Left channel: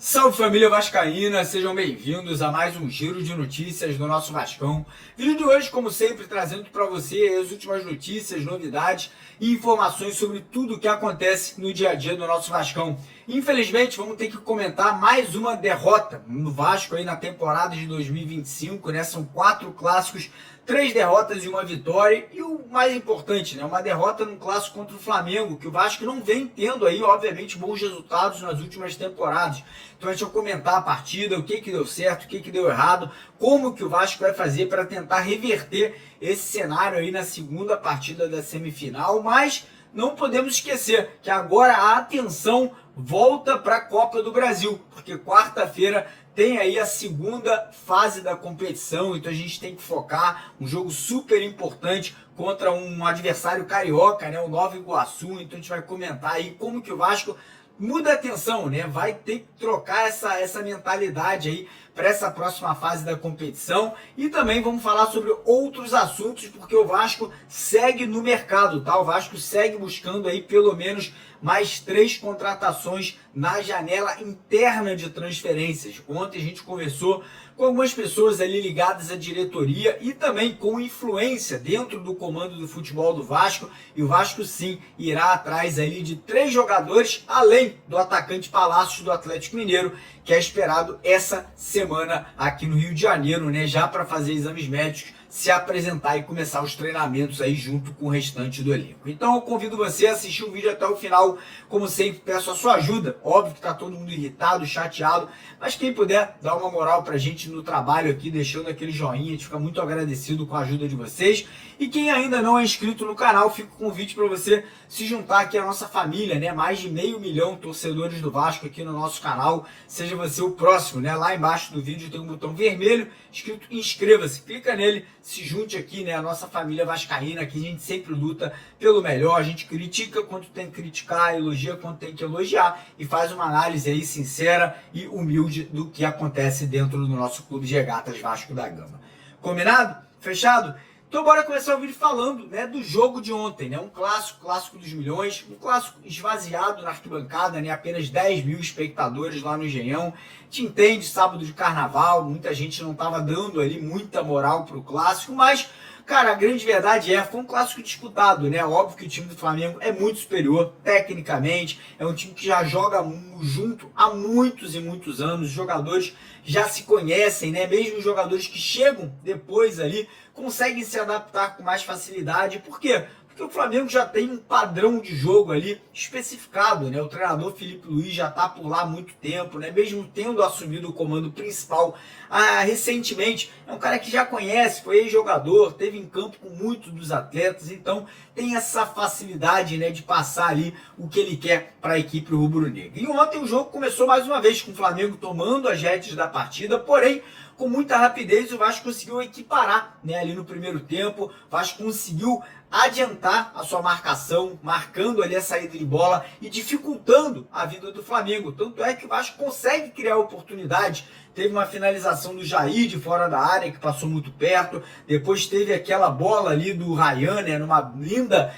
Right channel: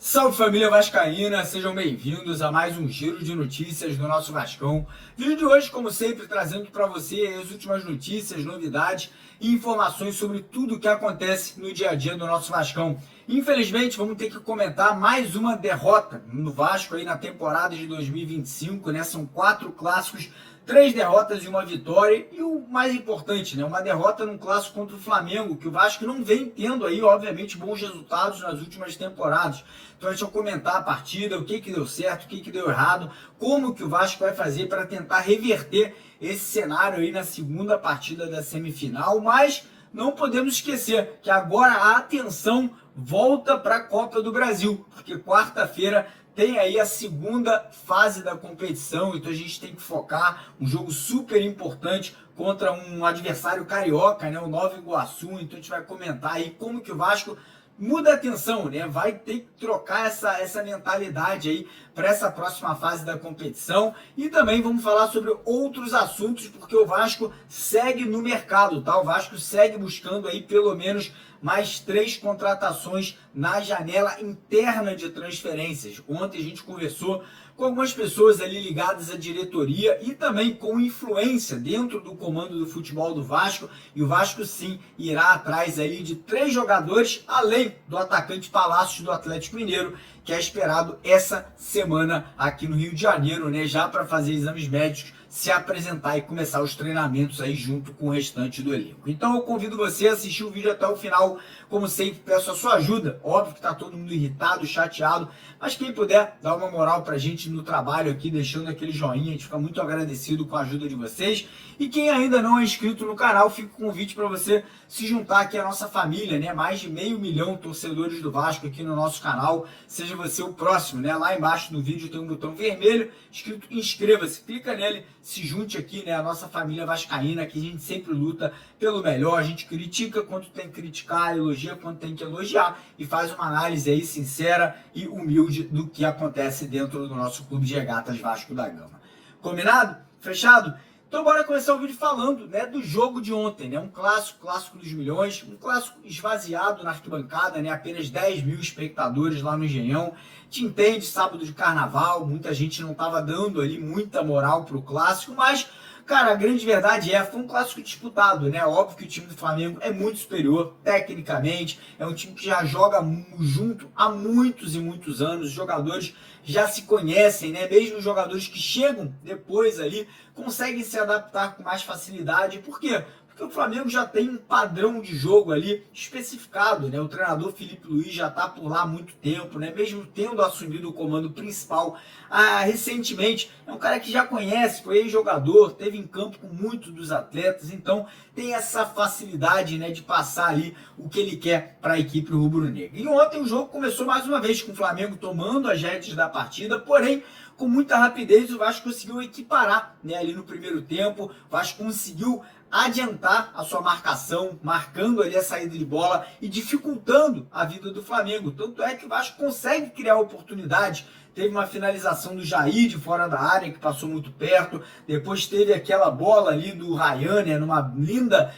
Salve família vascaína, sejam bem-vindos a mais um giro de notícias do nosso Vascão. Vídeo de hoje, como sempre, trazendo para você as últimas notícias, novidades e informações sobre tudo o que acontece no dia a dia do nosso Vascão. Infelizmente, vamos ter que comentar mais uma derrota no Vasco aí na temporada de 2025, né? São 4 clássicos, 3 derrotas e uma vitória, e o mais importante, né, uma derrota num clássico contra o Flamengo, que o Vasco não vem tendo aí, obviamente, bons resultados nas últimas temporadas. Então a gente vai comentar a partida, o que deu certo, o que deu errado, como que o Vasco vai fazer para tentar reverter esse cenário aí na segunda partida da semifinal, mas não podemos esquecer que agora a atenção volta para a Copa do Brasil, porque quarta-feira tem aí a segunda fase da competição, então a gente tem que focar um jogo super importante contra um adversário carioca, né, o Nova Iguaçu. Então a gente vai comentar aí como que o Vasco muda a atenção, né? Vai ter que trocar essa mentalidade aí para essa próxima fase da competição. E também vamos falar sobre outros assuntos, porque o Vasco segue no mercado, tá? O Vasco segue buscando aí pelo menos mais 3 contratações na janela interna de transferências. Ontem a gente conversou com algumas pessoas ali ligadas à diretoria e também com influência dentro do comando do futebol do Vasco, e o Vasco sim irá atrás ali de 3 jogadores, além do atacante Palácios do Atlético Mineiro, que é esperado essa semana aqui no Rio de Janeiro, né, já para fazer exames médicos, se apresentar e começar os treinamentos aí junto com o restante do elenco. Então eu convido você a assistir o vídeo até o final. Como sempre, peço a sua ajuda. Óbvio que tá todo mundo irritado, chateado, mas quem puder dar uma moral pra gente no trabalho aqui, deixando aquele joinha, a gente fica muito agradecido com a ajuda de vocês. E quem ainda não é inscrito no canal, fica o convite para você se juntar aqui à nossa família, né? Mais de 500 mil torcedores do Vasco aqui no nosso canal. Seja você o próximo, né? Lá embaixo do vídeo tem um botão vermelho escrito inscreva-se. Clica nele, se junte aqui, né? A nossa família vascaína, que a gente sempre luta pelo melhor. A gente critica quando tem que criticar, elogia quando tem que elogiar e faz uma análise aí sincera e humilde do que acontece dentro do nosso clube de regatas Vasco da Gama. Combinado? Fechado? Então bora começar o vídeo falando, né, do jogo de ontem, né, um clássico dos milhões, um clássico esvaziado na arquibancada, né, apenas 10 mil espectadores lá no Engenhão. Te entende, sábado de carnaval, muita gente não estava dando ali muita moral pro clássico, mas, cara, a grande verdade foi um clássico disputado, né? Óbvio que o time do Flamengo é muito superior tecnicamente, é um time que já joga junto há muitos e muitos anos, os jogadores já se conhecem, né? Mesmo os jogadores que chegam depois ali conseguem se adaptar com mais facilidade. Por quê? Porque o Flamengo já tem um padrão de jogo ali especificado, né? O treinador Felipe Luiz já está por lá há muito tempo, né? Mesmo tendo assumido o comando principal recentemente, é um cara que já conhece, foi ex-jogador, teve em campo com muitos dos atletas, então tem essa facilidade, né, de passar ali o que ele quer para a equipe rubro-negra. E ontem o jogo começou mais uma vez com o Flamengo tomando as rédeas da partida, porém com muita rapidez o Vasco conseguiu equiparar, né, ali no primeiro tempo. O Vasco conseguiu adiantar a sua marcação, marcando ali a saída de bola e dificultando a vida do Flamengo. Tanto é que o Vasco consegue criar oportunidade. Teve uma finalização do Jair de fora da área, que passou muito perto. Depois teve aquela bola ali do Ryan, né, numa linda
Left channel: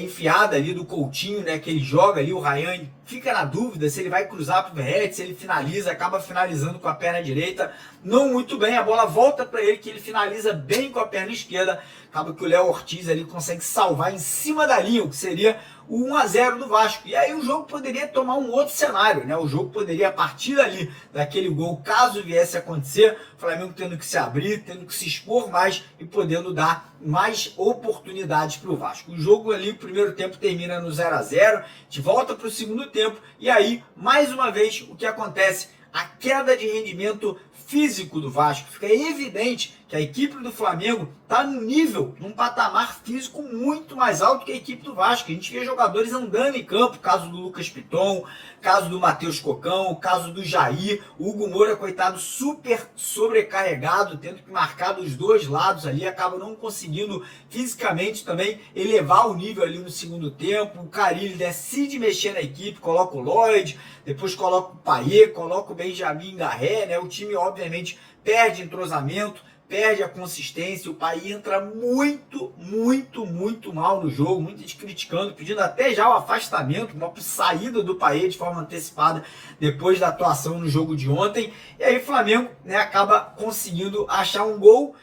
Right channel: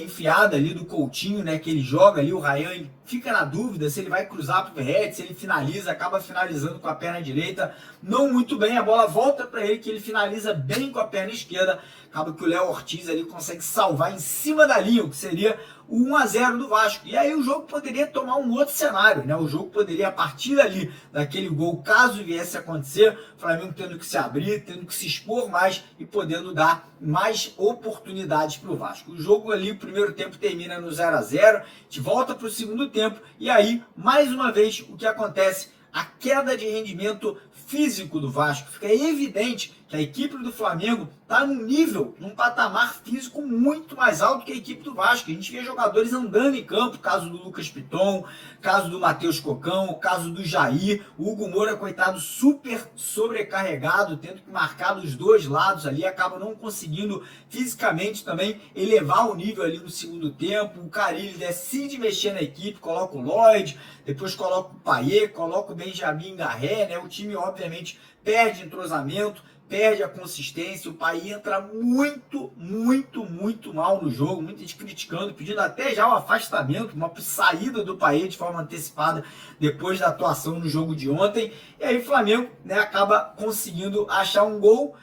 enfiada ali do Coutinho, né, que ele joga ali. O Ryan fica na dúvida se ele vai cruzar para o Verratti, se ele finaliza, acaba finalizando com a perna direita. Não muito bem, a bola volta para ele, que ele finaliza bem com a perna esquerda. Acaba que o Léo Ortiz ali consegue salvar em cima da linha, o que seria o 1-0 do Vasco. E aí o jogo poderia tomar um outro cenário, né? O jogo poderia, a partir dali, daquele gol, caso viesse a acontecer, o Flamengo tendo que se abrir, tendo que se expor mais e podendo dar mais oportunidades para o Vasco. O jogo ali, o primeiro tempo termina no 0-0, de volta para o segundo tempo, e aí, mais uma vez, o que acontece? A queda de rendimento físico do Vasco. Fica evidente que a equipe do Flamengo está num nível, num patamar físico muito mais alto que a equipe do Vasco. A gente vê jogadores andando em campo, caso do Lucas Piton, caso do Matheus Cocão, caso do Jair, o Hugo Moura, coitado, super sobrecarregado, tendo que marcar dos dois lados ali, acaba não conseguindo fisicamente também elevar o nível ali no segundo tempo. O Carille decide mexer na equipe, coloca o Lloyd, depois coloca o Payet, coloca o Benjamin Garré, né? O time obviamente perde entrosamento, perde a consistência, o Payet entra muito mal no jogo, muita gente criticando, pedindo até já o afastamento, uma saída do Payet de forma antecipada depois da atuação no jogo de ontem. E aí o Flamengo, né, acaba conseguindo achar um gol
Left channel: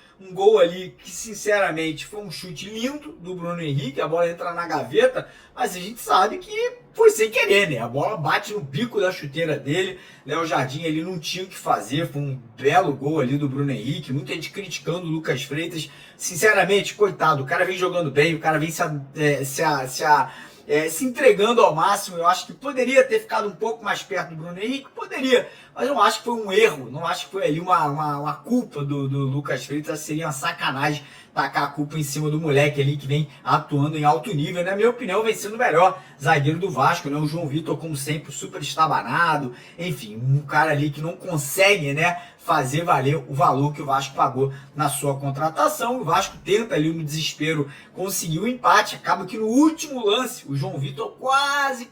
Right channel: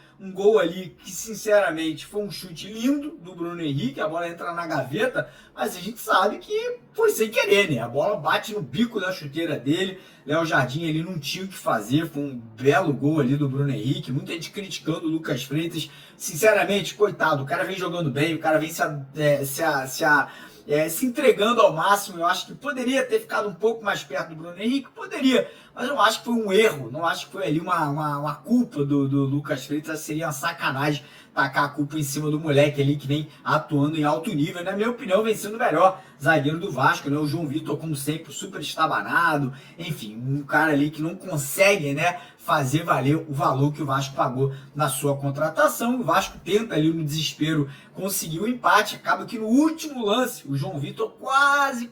ali que sinceramente foi um chute lindo do Bruno Henrique, a bola entra na gaveta, mas a gente sabe que foi sem querer, né? A bola bate no bico da chuteira dele, Léo Jardim ele não tinha o que fazer, foi um belo gol ali do Bruno Henrique, muita gente criticando o Lucas Freitas, sinceramente, coitado, o cara vem jogando bem, o cara vem se entregando ao máximo. Eu acho que poderia ter ficado um pouco mais perto do Bruno Henrique, poderia, mas eu não acho que foi um erro, não acho que foi ali uma culpa do Lucas Freitas, seria uma sacanagem tacar a culpa em cima do moleque ali que vem atuando em alto nível, na minha opinião vem sendo o melhor zagueiro do Vasco, né? O João Vitor, como sempre, super estabanado, enfim, um cara ali que não consegue, né, fazer valer o valor que o Vasco pagou na sua contratação. O Vasco tenta ali no desespero conseguir o empate, acaba que no último lance o João Vitor quase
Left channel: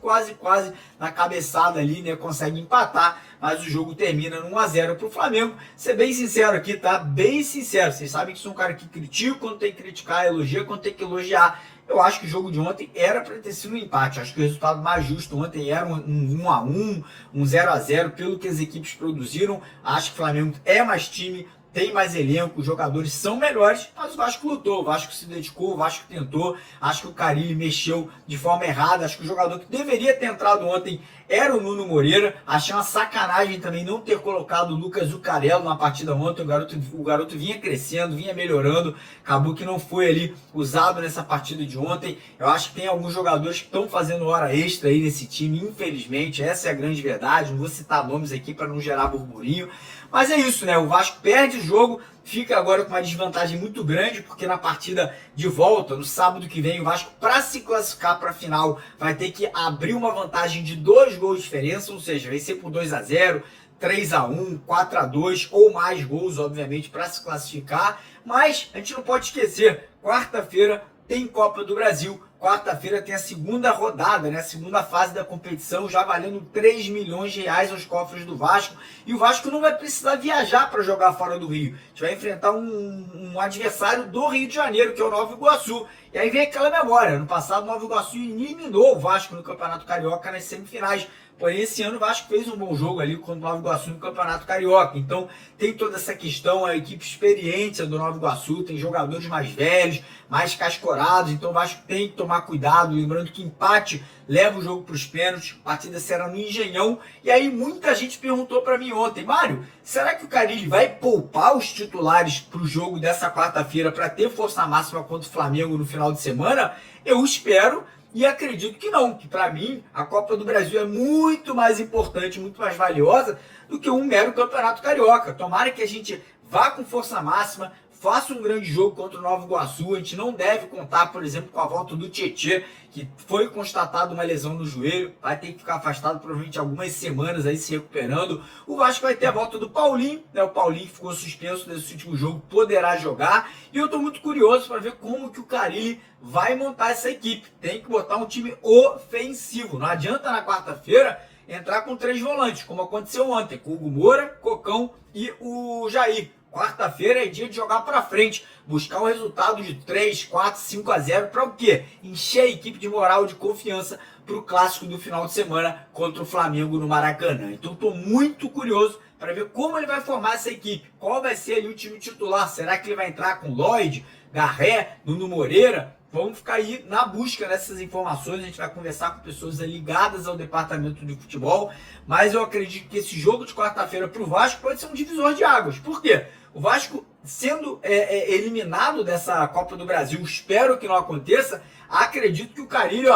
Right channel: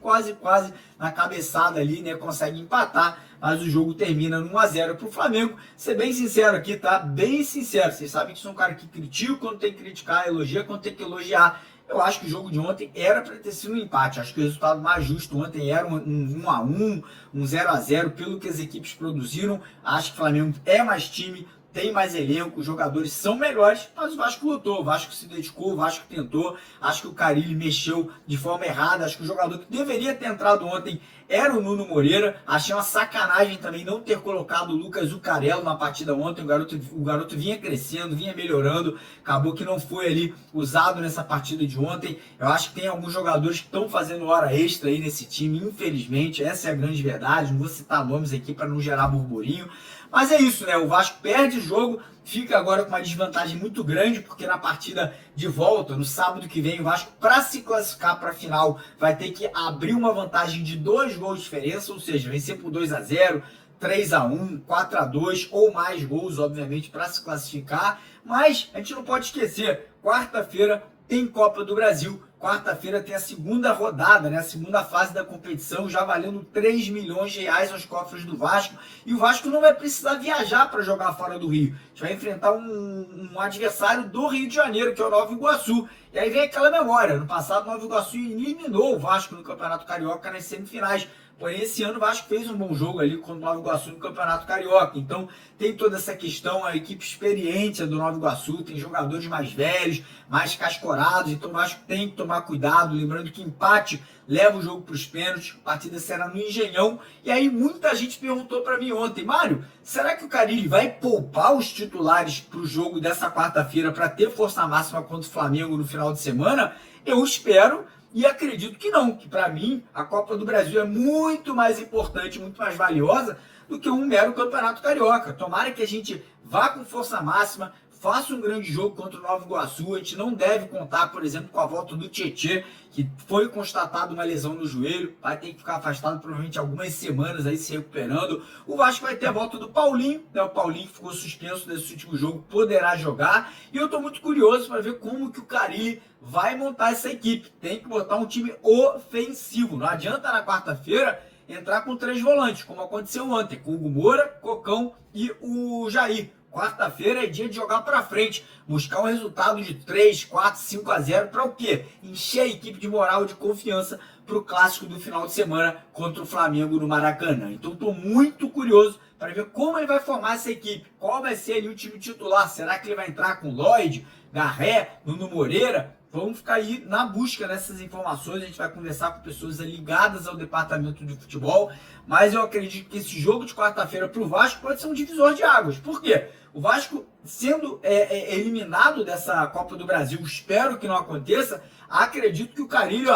na cabeçada ali, né, consegue empatar, mas o jogo termina no 1-0 para o Flamengo. Ser bem sincero aqui, tá? Bem sincero, vocês sabem que sou um cara que critica quando tem que criticar, elogia quando tem que elogiar. Eu acho que o jogo de ontem era para ter sido um empate. Acho que o resultado mais justo ontem era um 1-1, um 0-0, pelo que as equipes produziram. Acho que o Flamengo é mais time, tem mais elenco, os jogadores são melhores, mas o Vasco lutou, o Vasco se dedicou, o Vasco tentou. Acho que o Carille mexeu de forma errada. Acho que o jogador que deveria ter entrado ontem era o Nuno Moreira. Achei uma sacanagem também não ter colocado o Lucas Zucarello na partida ontem. O garoto vinha crescendo, vinha melhorando, acabou que não foi ali usado nessa partida de ontem. Eu acho que tem alguns jogadores que estão fazendo hora extra aí nesse time, infelizmente, essa é a grande verdade. Não vou citar nomes aqui para não gerar burburinho, mas é isso, né? O Vasco perde o jogo, fica agora com uma desvantagem muito grande, porque na partida de volta, no sábado que vem, o Vasco, para se classificar para a final, vai ter que abrir uma vantagem de 2 gols de diferença, ou seja, vencer por 2-0, 3-1, 4-2 ou mais gols, obviamente, para se classificar. Mas a gente não pode esquecer, quarta-feira tem Copa do Brasil. Quarta-feira tem a segunda rodada, né? A segunda fase da competição, já valendo 3 milhões de reais aos cofres do Vasco. E o Vasco não vai precisar viajar para jogar fora do Rio. A gente vai enfrentar um adversário do Rio de Janeiro, que é o Nova Iguaçu. E aí vem aquela memória. No passado, o Nova Iguaçu eliminou o Vasco no Campeonato Carioca nas semifinais. Porém, esse ano o Vasco fez um bom jogo ali contra o Nova Iguaçu no Campeonato Carioca. Então, tem toda essa questão, a equipe experiente do Nova Iguaçu, tem jogadores mais velhos, mais cascorados. Então, o Vasco tem que tomar cuidado. Lembrando que empate leva o jogo para os pênaltis. A partida será no Engenhão. E aí, muita gente perguntou para mim ontem: Mário, será que o Carille vai poupar os titulares para o jogo dessa quarta-feira para ter força máxima contra o Flamengo no final de semana? Eu espero. E acredito que não, que para mim a Copa do Brasil é muito mais importante, muito mais valiosa do que um mero Campeonato Carioca. Tomara que a gente vá com força máxima, faça um grande jogo contra o Nova Iguaçu. A gente não deve contar, por exemplo, com a volta do Tietê, que foi constatada uma lesão no joelho, vai ter que ficar afastado provavelmente algumas semanas aí se recuperando. O Vasco vai ter a volta do Paulinho, né? O Paulinho que ficou suspenso nesse último jogo poderá jogar. E eu estou muito curioso para ver como que o Carille vai montar essa equipe. Tem que botar um time ofensivo. Não adianta na quarta-feira entrar com 3 volantes, como aconteceu ontem, com o Hugo Moura, Cocão e o Jair. Quarta-feira é dia de jogar para frente, buscar um resultado de 3, 4, 5-0 para o quê? Encher a equipe de moral, de confiança para o clássico do final de semana contra o Flamengo no Maracanã. Então estou muito curioso para ver como ele vai formar essa equipe, qual vai ser ali o time titular. Será que ele vai entrar com Lloyd, Garré, Nuno Moreira? Vamos ficar aí na busca dessas informações, a gente vai conversar com pessoas ligadas ao departamento de futebol, mas eu acredito que esse jogo de quarta-feira para o Vasco pode ser um divisor de águas. Por quê? O Vasco sendo eliminado dessa Copa do Brasil, espero que não aconteça, acredito que o Carille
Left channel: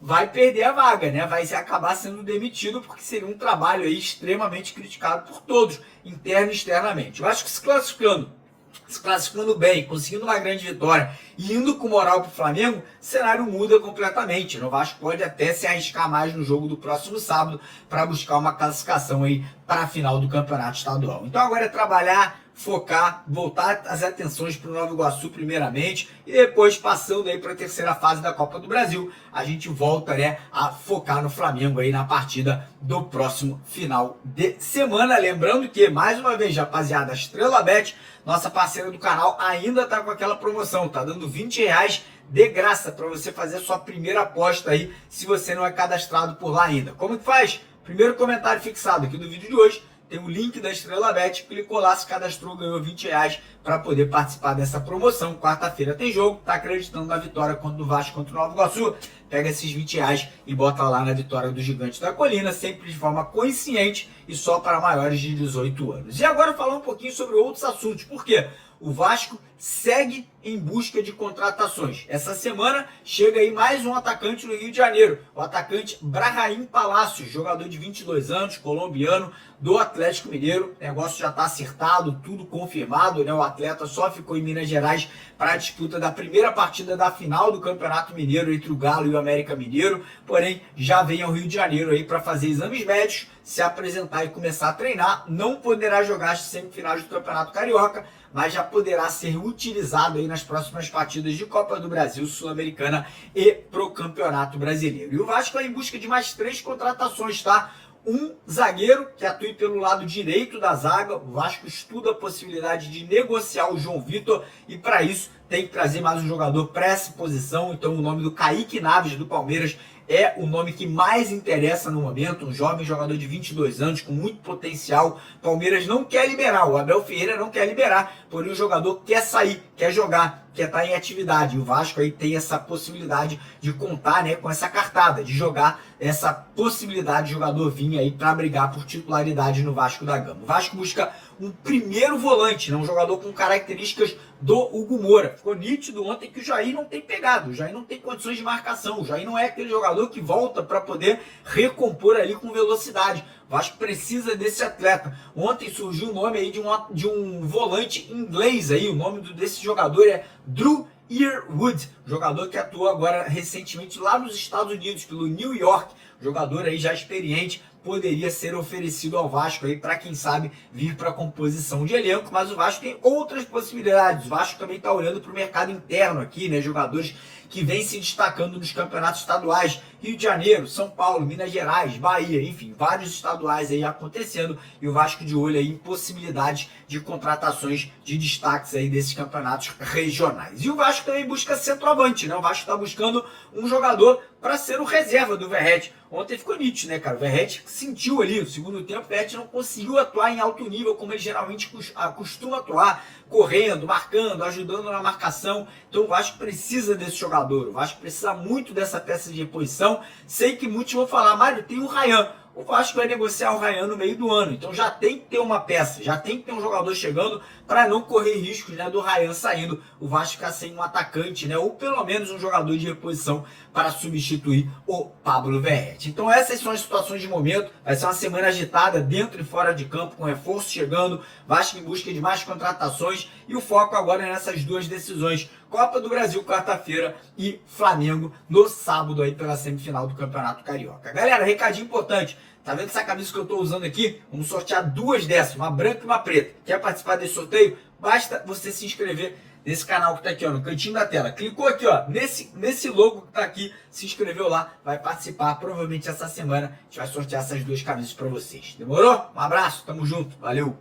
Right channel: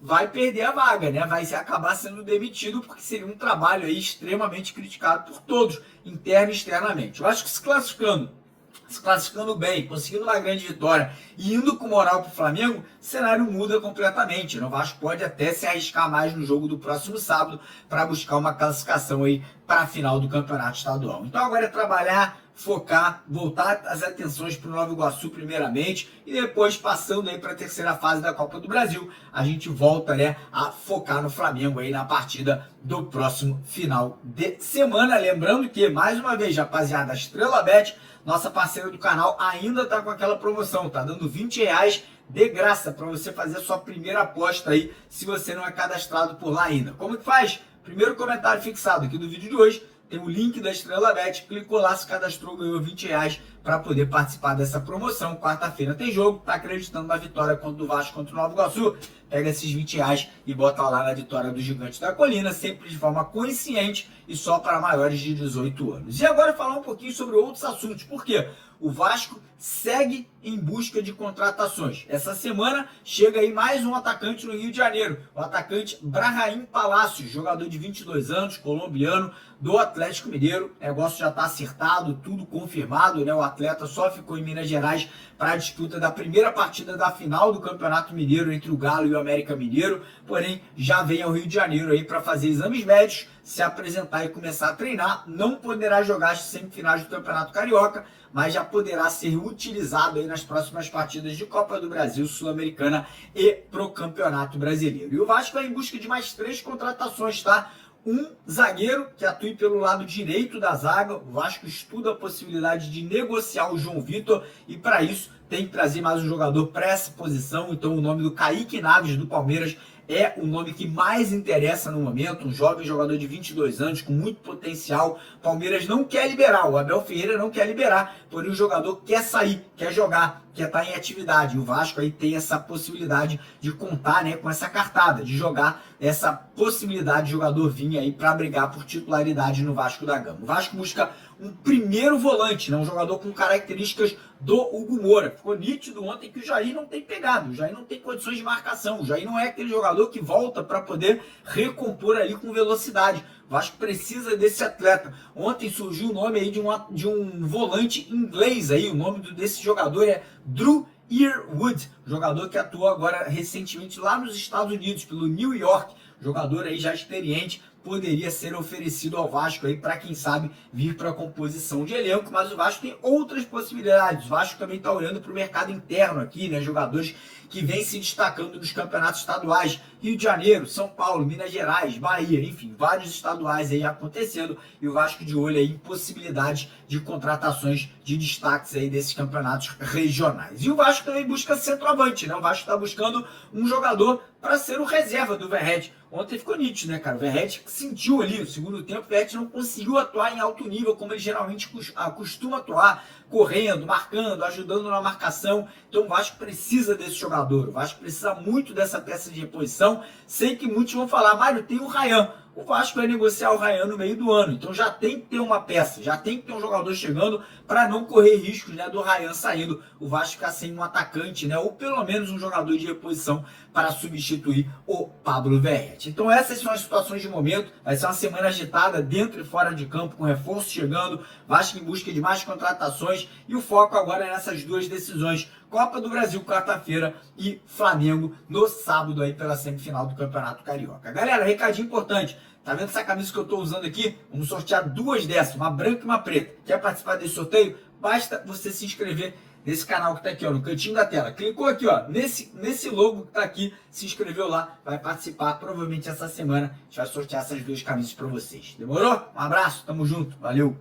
vai perder a vaga, né? Vai acabar sendo demitido, porque seria um trabalho aí extremamente criticado por todos, interno e externamente. O Vasco se classificando se classificando bem, conseguindo uma grande vitória e indo com moral para o Flamengo, o cenário muda completamente. O Vasco pode até se arriscar mais no jogo do próximo sábado para buscar uma classificação aí para a final do Campeonato Estadual. Então agora é trabalhar, focar, voltar as atenções para o Nova Iguaçu primeiramente e depois passando aí para a terceira fase da Copa do Brasil, a gente volta, né, a focar no Flamengo aí na partida do próximo final de semana. Lembrando que, mais uma vez, rapaziada, a Estrela Bet, nossa parceira do canal, ainda tá com aquela promoção, tá dando R$20 de graça para você fazer a sua primeira aposta aí, se você não é cadastrado por lá ainda. Como que faz? Primeiro comentário fixado aqui do vídeo de hoje, tem o link da Estrela Bet, clicou lá, se cadastrou, ganhou R$20 para poder participar dessa promoção. Quarta-feira tem jogo, tá acreditando na vitória contra o Vasco contra o Nova Iguaçu? Pega esses R$20 e bota lá na vitória do Gigante da Colina, sempre de forma consciente e só para maiores de 18 anos. E agora falar um pouquinho sobre outros assuntos. Por quê? O Vasco segue em busca de contratações. Essa semana chega aí mais um atacante no Rio de Janeiro, o atacante Brahim Palacios, jogador de 22 anos, colombiano, do Atlético Mineiro. O negócio já está acertado, tudo confirmado, né? O atleta só ficou em Minas Gerais para a disputa da primeira partida da final do Campeonato Mineiro entre o Galo e o América Mineiro, porém já vem ao Rio de Janeiro aí para fazer exames médicos, se apresentar e começar a treinar. Não poderá jogar as semifinais do Campeonato Carioca, mas já poderá ser utilizado aí nas próximas partidas de Copa do Brasil, Sul-Americana e pro Campeonato Brasileiro. E o Vasco vai em busca de mais 3 contratações, tá? Um zagueiro que atue pelo lado direito da zaga. O Vasco estuda a possibilidade de negociar o João Vitor e para isso tem que trazer mais um jogador para essa posição. Então o nome do Kaique Naves do Palmeiras é o nome que mais interessa no momento, um jovem jogador de 22 anos com muito potencial. Palmeiras não quer liberar, o Abel Ferreira não quer liberar, porém o jogador quer sair, quer jogar, quer estar em atividade. E o Vasco aí tem essa possibilidade de contar, né, com essa cartada, de jogar essa possibilidade de jogador vir aí para brigar por titularidade no Vasco da Gama. O Vasco busca um primeiro volante, né, um jogador com características do Hugo Moura. Ficou nítido ontem que o Jair não tem pegado, o Jair não tem condições de marcação, o Jair não é aquele jogador que volta para poder recompor ali com velocidade. O Vasco precisa desse atleta. Ontem surgiu o nome aí de um volante inglês aí, o nome desse jogador é Drew Yearwood, jogador que atuou agora recentemente lá nos Estados Unidos pelo New York, jogador aí já experiente, poderia ser oferecido ao Vasco aí para quem sabe vir para a composição de elenco, mas o Vasco tem outras possibilidades. O Vasco também está olhando para o mercado interno aqui, né? Jogadores que vêm se destacando nos campeonatos estaduais, Rio de Janeiro, São Paulo, Minas Gerais, Bahia, enfim, vários estaduais aí acontecendo e o Vasco de olho aí em possibilidades de contratações de destaques aí desses campeonatos regionais. E o Vasco também busca centroavante, né? O Vasco está buscando um jogador para ser o reserva do Verratti. Ontem ficou nítido, né, cara? O Verratti sentiu ali, no segundo tempo, o Verratti não conseguiu atuar em alto nível como ele geralmente costuma atuar, correndo, marcando, ajudando na marcação. Então o Vasco precisa desse jogador, o Vasco precisa muito dessa peça de reposição. Sei que muitos vão falar, Mário, tem o Ryan. O Vasco vai negociar o Ryan no meio do ano, então já tem que ter uma peça, já tem que ter um jogador chegando para não correr riscos, né, do Ryan saindo, o Vasco ficar sem um atacante, né, ou pelo menos um jogador de reposição para substituir o Pablo Verratti. Então essas são as situações de momento, vai ser uma semana agitada dentro e fora de campo, com reforço chegando, Vasco em busca de mais contratações e o foco agora é nessas duas decisões, Copa do Brasil quarta-feira e Flamengo no sábado aí pela semifinal do Campeonato Carioca. Galera, recadinho importante, tá vendo essa camisa que eu tô usando aqui? Vamos sortear 2 dessas, uma branca e uma preta. Quer participar desse sorteio? Basta você se inscrever nesse canal que tá aqui, ó, no cantinho da tela. Clicou aqui, ó, nesse logo que tá aqui, se inscreveu lá, vai participar. Provavelmente essa semana a gente vai sortear essas 2 camisas para vocês. Demorou? Um abraço, tamo junto, valeu!